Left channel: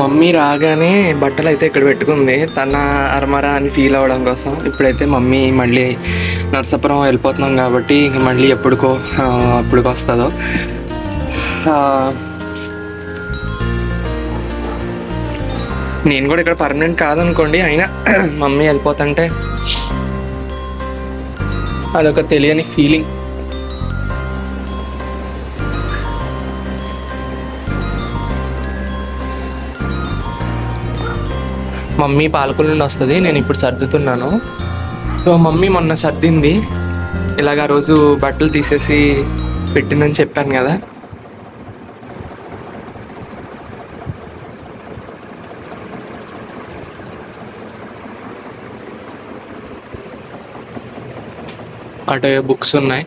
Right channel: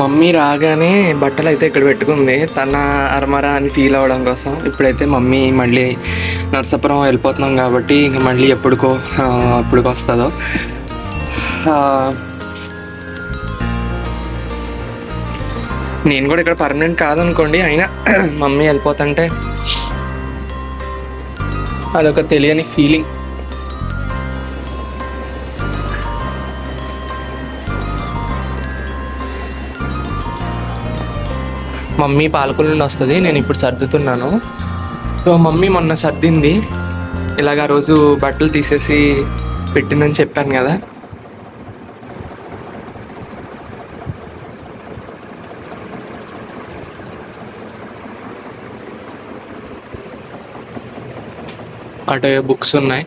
Mummy రాగానే బట్టలు అయితే ఇక్కడ పెట్టుకుంది, తన అరమరా అని ఫీల్ అవ్వడం కోసం. ఇప్పుడైతే మమ్మీ మళ్ళీ నర్సాపురం వెళ్ళిపోతున్నాం కాబట్టి ఇంక మళ్ళీ ఎప్పుడుకో వస్తుందో. నేను కూడా ఇక్కడ పర్మనెంట్ కాదనుకోండి, అయినా మమ్మీ వెళ్ళిపోతుంటే అదొక తెలియని ఫీలింగ్. మమ్మీ పాలకొల్లు నుండి వస్తుంది, నేను ఇప్పుడు సర్దుతున్నాను. సో మమ్మీ మొన్న సర్దింది, ఇలాగ రోజు బట్టలు తీసేసి పెట్టిందని చెప్పాను కదా. అటు బుక్స్ ఉన్నాయి.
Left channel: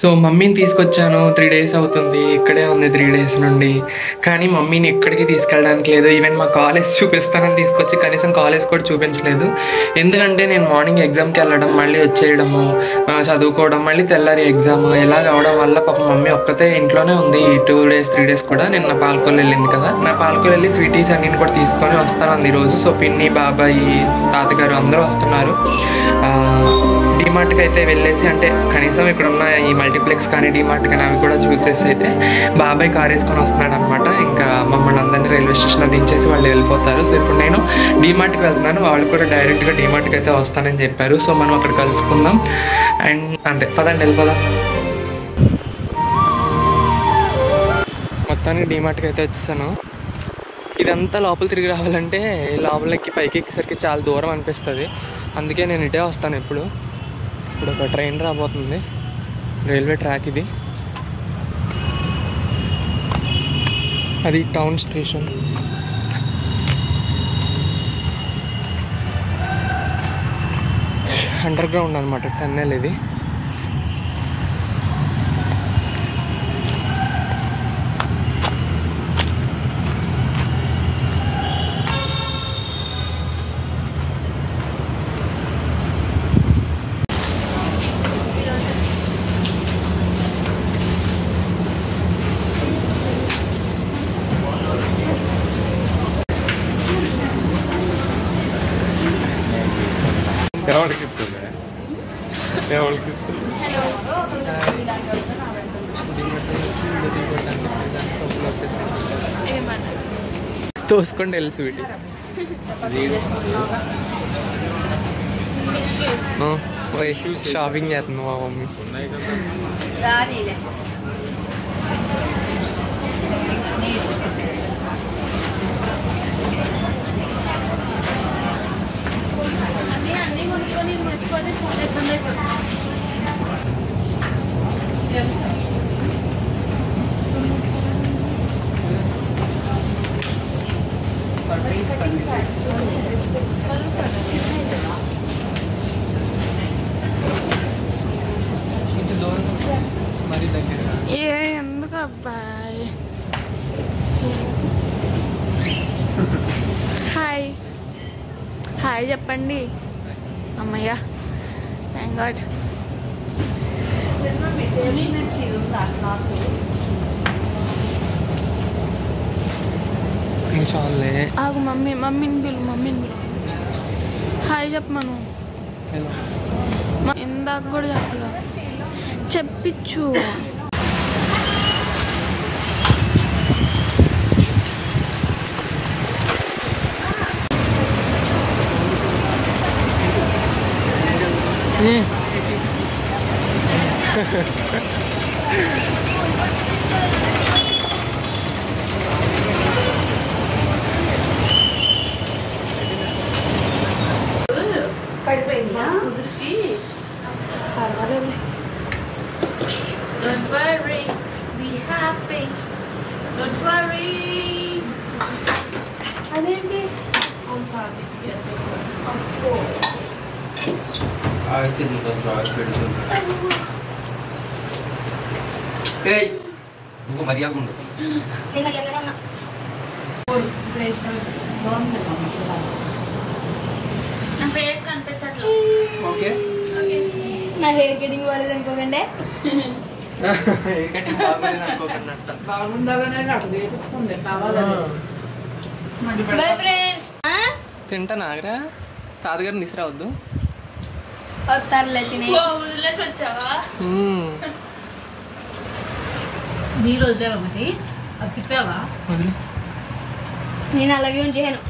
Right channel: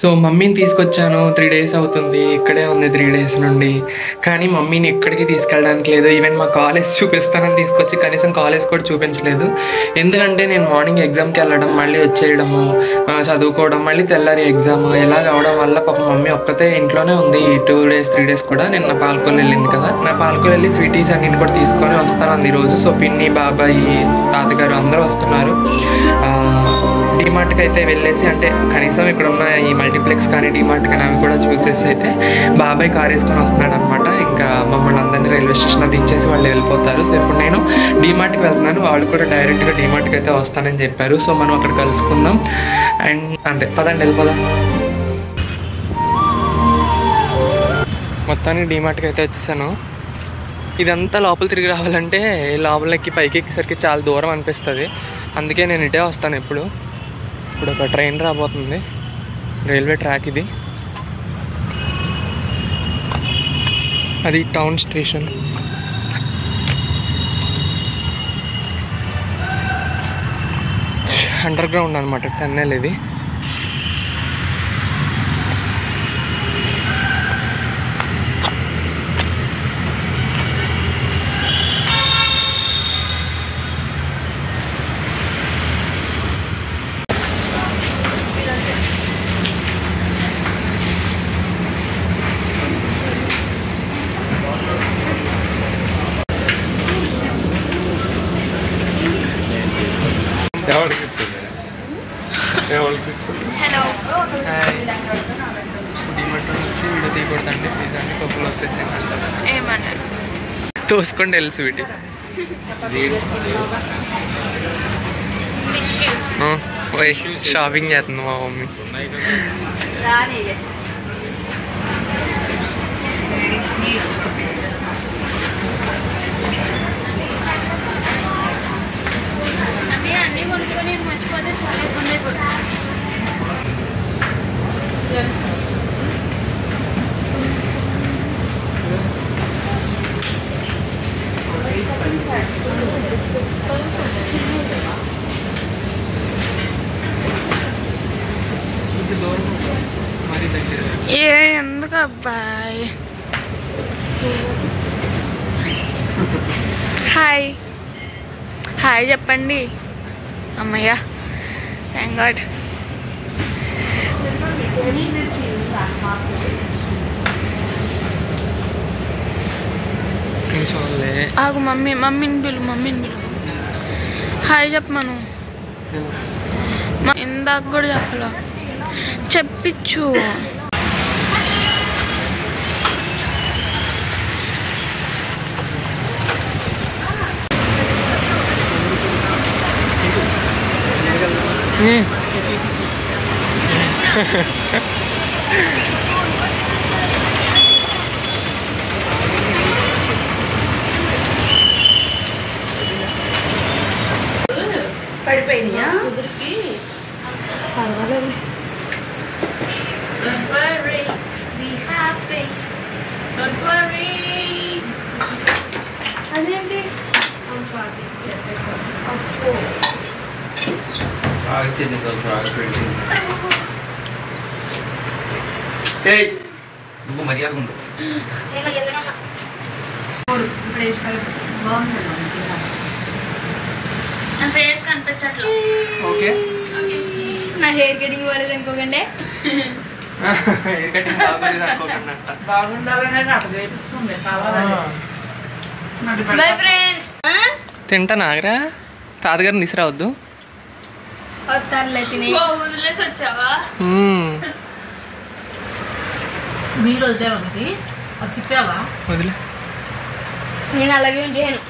సో మమ్మీని తీసుకొచ్చాను, 3 days అవుతుంది, ఇక్కడే ఉంది 3 days నుండి. కానీ మమ్మీని ఎక్కడికి తీసుకెళ్ళడానికి లేదు. ఈవెన్ మా కాలేజ్ చూపిస్తానని తీసుకొచ్చి కనీసం కాలేజ్ కూడా చూపించలేదు. ఎందుకంటే నేను మార్నింగ్ ఎగ్జామ్కి వెళ్ళడం, మళ్ళీ వచ్చేయడము, చదువుకోవడం, మళ్ళీ తెల్లారి ఎగ్జామ్ ఇలా అవడం వల్ల పాప మమ్మీ ఒక్కతే ఇంట్లోనే ఉంది ఈ 2 days 3 days కూడా. నేను నా పాలకొల్లు వెళ్ళింది కదా, నా పాలకొల్లు వెళ్ళి స్వీటీస్ అన్నింటి కూడా తీసుకొని వస్తాను ఈరోజు. సో పిన్ని, బాబాయ్, తాతగారు అందరూ వస్తున్నారు. డీమార్ట్కి అయితే వెళ్ళేసి, అంటే కనీసం ఇక్కడ ఉన్న ఈ మల్టీప్లెక్స్ కానీ డీమార్ట్ కానీ అవి కూడా చూసేసి అయితే బాబాయ్ కార్ వేసుకొని వస్తున్నాడు అనమాట. ఇంకా మమ్మల్ని అందరినీ రైల్వే స్టేషన్లో దించేసి వాళ్ళు వెళ్ళిపోతారు. సో ఇప్పుడు నేను డీమార్ట్కి వెళ్తున్నాను, వాళ్ళు కూడా డైరెక్ట్గా డీమార్ట్కి అయితే వస్తానని చెప్పారు. సో మనం అక్కడ కలుసుకుందాం. అండ్ అంతే, పదండి వెళ్ళిపోదాం. మొత్తానికి డీమార్ట్కి అయితే వచ్చేసాను. ఇదంతా లోపల తిరిగి రావాలంటే లోపలికి పైకి ఎక్కేసరికి చాలా దూరం అనిపిస్తుంది. అందుకే నేను ఇటే వస్తాను ఎప్పుడు. ఇప్పుడు ఒక ట్రైన్ రాబోతుంది, రైల్వే ట్రాక్ ఇది, అది టౌన్ స్టేషన్. అండర్ గ్రౌండ్ అనమాట, టన్నెల్ ఇది. హలో, డీమార్ట్ వచ్చి వీడియో తీయకూడదండి ప్లీజ్ అండి, కప్పులు వచ్చేసాను ఏమన్నారు తోసుకోండి వెళ్ళి స్వీటీ. పోయి షాపింగ్ చేస్తుంది మా మమ్మీ. అన్నీ కొనుక్కొని మర్చిపోతే చాలా ఇబ్బంది అయిపోతుంది. ఎందుకు అబ్బాయి? హాయ్ హాయ్ చెప్పండి. అమ్మయ్య, థ్యాంక్ గాడ్. ఆగు, మమ్మీని పిలు. హాయ్ చెప్పమను. ఇందాక కూడా చెప్పలా, చెప్పించు. పడిపోయినా కుదిరికి. Don't worry, be happy. Don't worry. అదేంటి? ఇప్పుడు వేసుకోవాలి. బాగుంది. నా ఫేస్ కనిపించట్లేదు. ఓకే నా హెయిర్ కటింగ్ బాగాలేదు అనుకోకండి. బాగుండాలని నాకు వేపించుకుంది కావాలని. Bye friends. తింటా నాగరా తాతగారిని తీసుకురావద్దు. వస్తారులే తినే. వదిలేసి వచ్చావా? నీళ్ళు వదిలేవా మరి? అది తిప్పావా? వదిలే. నేను అలాగే ఉంచాను.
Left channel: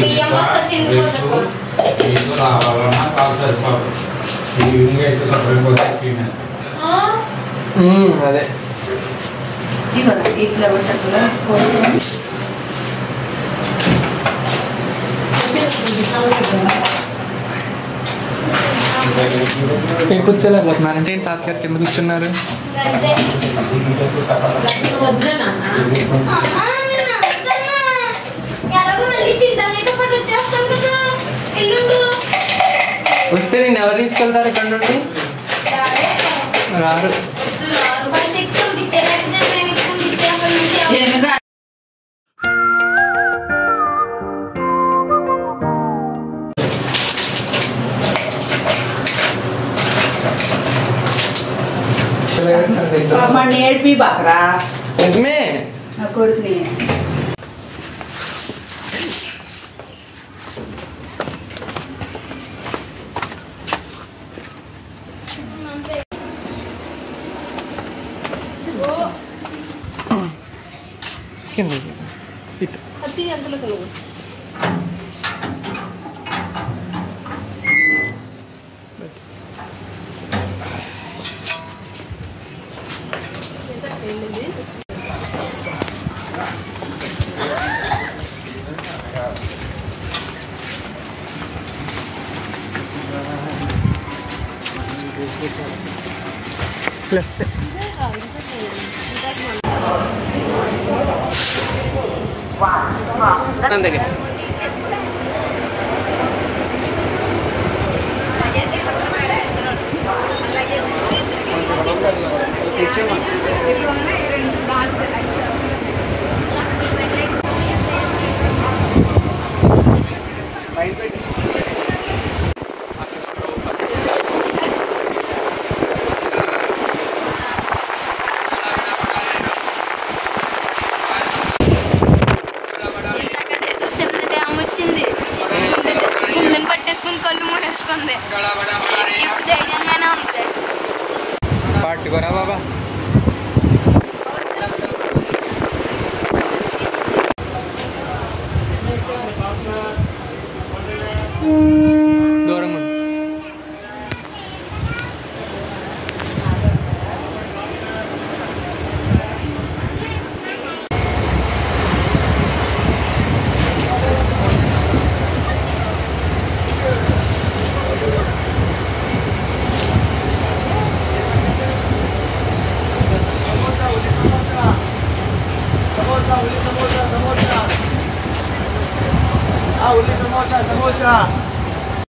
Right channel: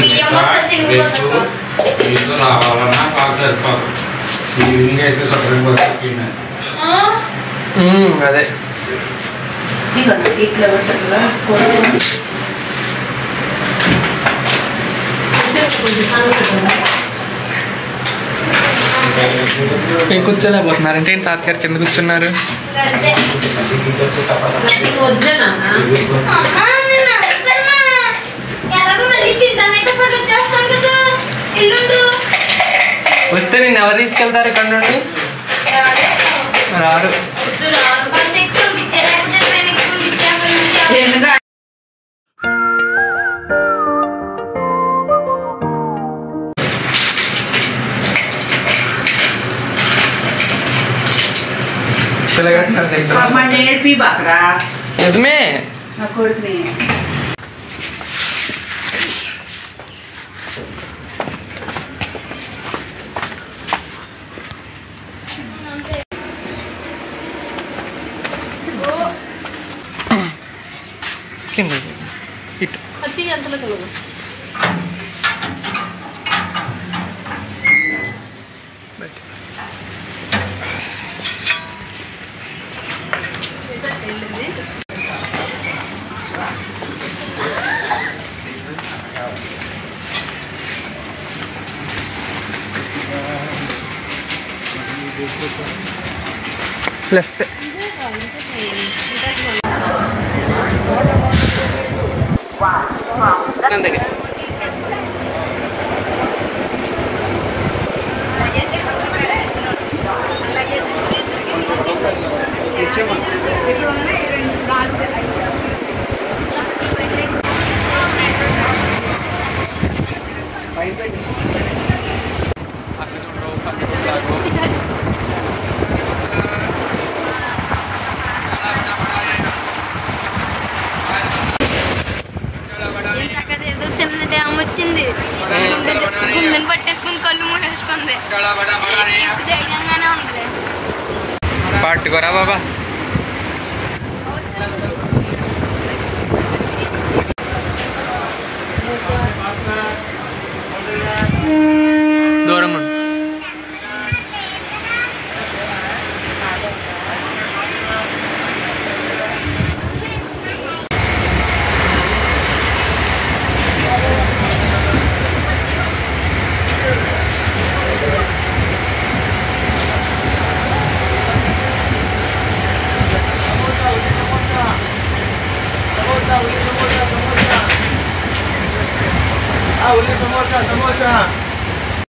బియ్యం వస్తే తినిపోతాం. మీతో రావాలన్నా కాదు సరిపోదు. ఈవినింగ్ అయితే సరిపోతుంది. అదే ఈ ఫ్లేవర్ చక్కగా పోసి నేను కూర్చోలేకపోతున్నారంటే ఏంటి తాతగారు కింద కూర్చున్నారు? అంతే. వద్దే నాన్న. ఎలాగో మళ్ళీ చింతనైతే పట్టు వచ్చేస్తాను కదా ఎల్లుండు. వస్తే నేను ఎవరు తీసుకెళ్తారు ఇక్కడ నుండి? రారు. బస్ ఎక్కి పంపించే లేకపోతే ట్రైన్ ఎక్కి పంపించాక ఎందుకంటే మన నేర్పి బాకరా నిజమే. నా కొడుకుని కింద ఇటు అతి అంతలో కలుగు. లెఫ్ట్. వచ్చింది. గుండెని పట్టేసుకుని కళ్ళు మూడేసుకుంది. ఇప్పుడు ధైర్యంగానే ఉంది. పట్టుకోరా బాబా. దూరంగా ఉండు. సమోసా